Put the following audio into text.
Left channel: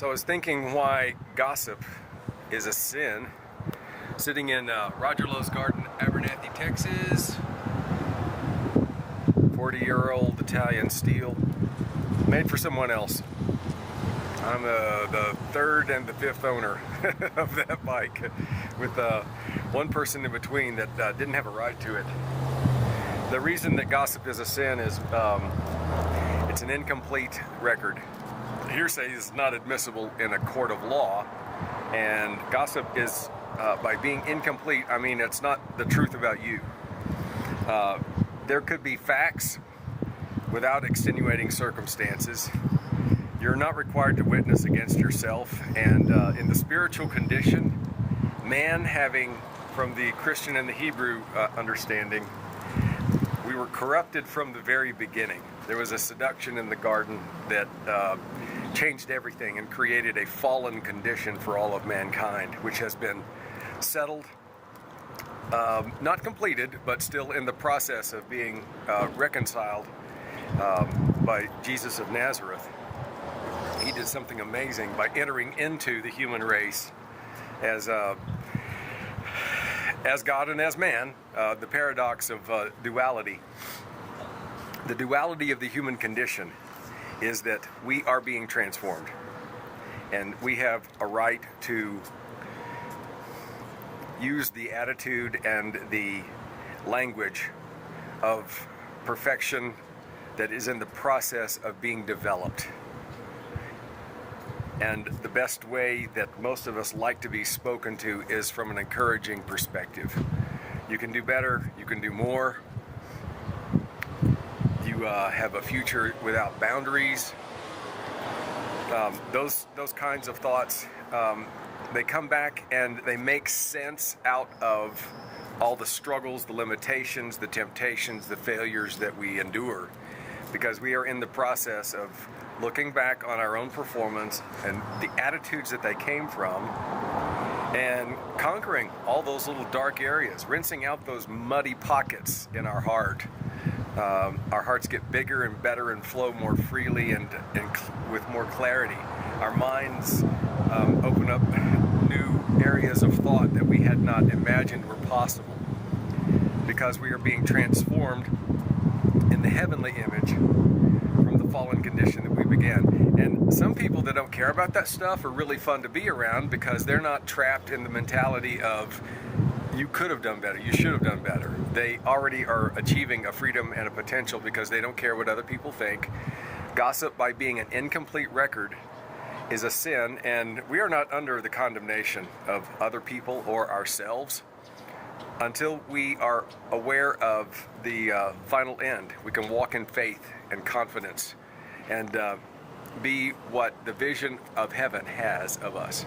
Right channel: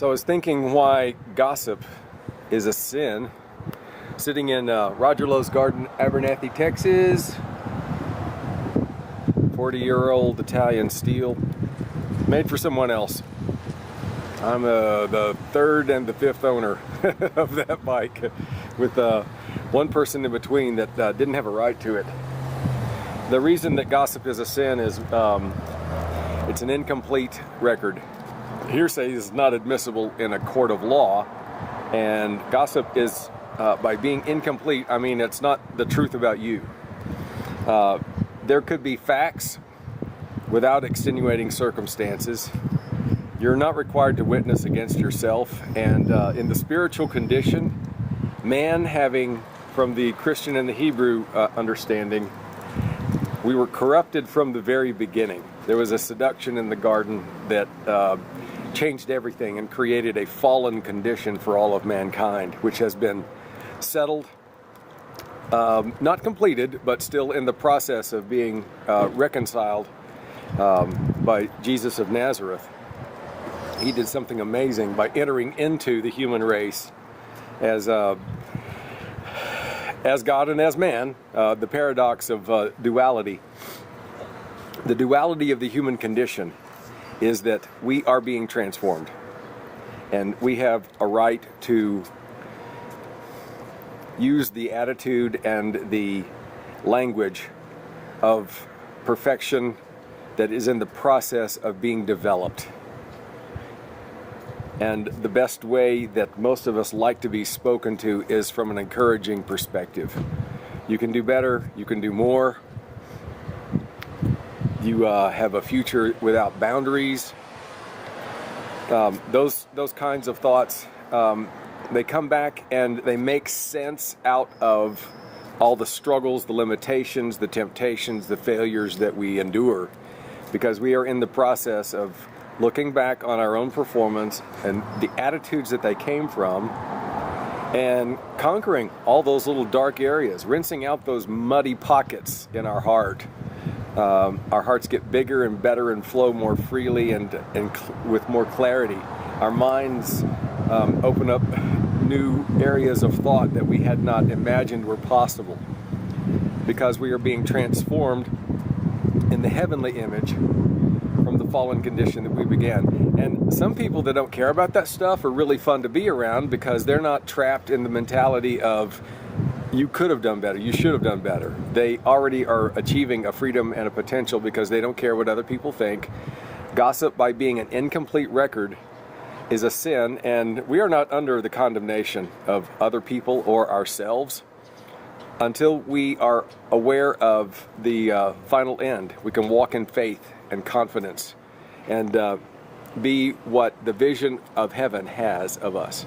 So I was thinking why gossip is a sin. Sitting in Roger Lowe's garden, Abernathy, Texas. 40-year-old Italian steel, made for someone else. I'm the third and the fifth owner of that bike, with one person in between that didn't have a right to it. The reason that gossip is a sin is it's an incomplete record. Hearsay is not admissible in a court of law, and gossip is, by being incomplete, I mean it's not the truth about you. There could be facts without extenuating circumstances. You're not required to witness against yourself, and in the spiritual condition, man having, from the Christian and the Hebrew understanding, we were corrupted from the very beginning. There was a seduction in the garden that changed everything and created a fallen condition for all of mankind, which has been settled, not completed, but still in the process of being reconciled by Jesus of Nazareth. He did something amazing by entering into the human race as God and as man, the paradox of duality. The duality of the human condition is that we are being transformed, and we have a right to use the attitude and the language of perfection that is in the process of being developed. And the best way that most of us like to be spoken to is from an encouraging perspective. You can do better, you can do more. You have a future without boundaries. Those kinds of thoughts, they come back and they make sense out of all the struggles, the limitations, the temptations, the failures that we endure, because we are in the process of looking back on our own performance and the attitudes that they came from, and conquering all those little dark areas, rinsing out those muddy pockets in our heart. Our hearts get bigger and better and flow more freely and with more clarity. Our minds open up new areas of thought that we had not imagined were possible, because we are being transformed in the heavenly image from the fallen condition that we began. And some people that don't care about that stuff are really fun to be around, because they're not trapped in the mentality of you could have done better, you should have done better. They already are achieving a freedom and a potential because they don't care what other people think. Gossip, by being an incomplete record, is a sin, and we are not under the condemnation of other people or ourselves until we are aware of the final end. We can walk in faith and confidence and be what the vision of heaven has of us.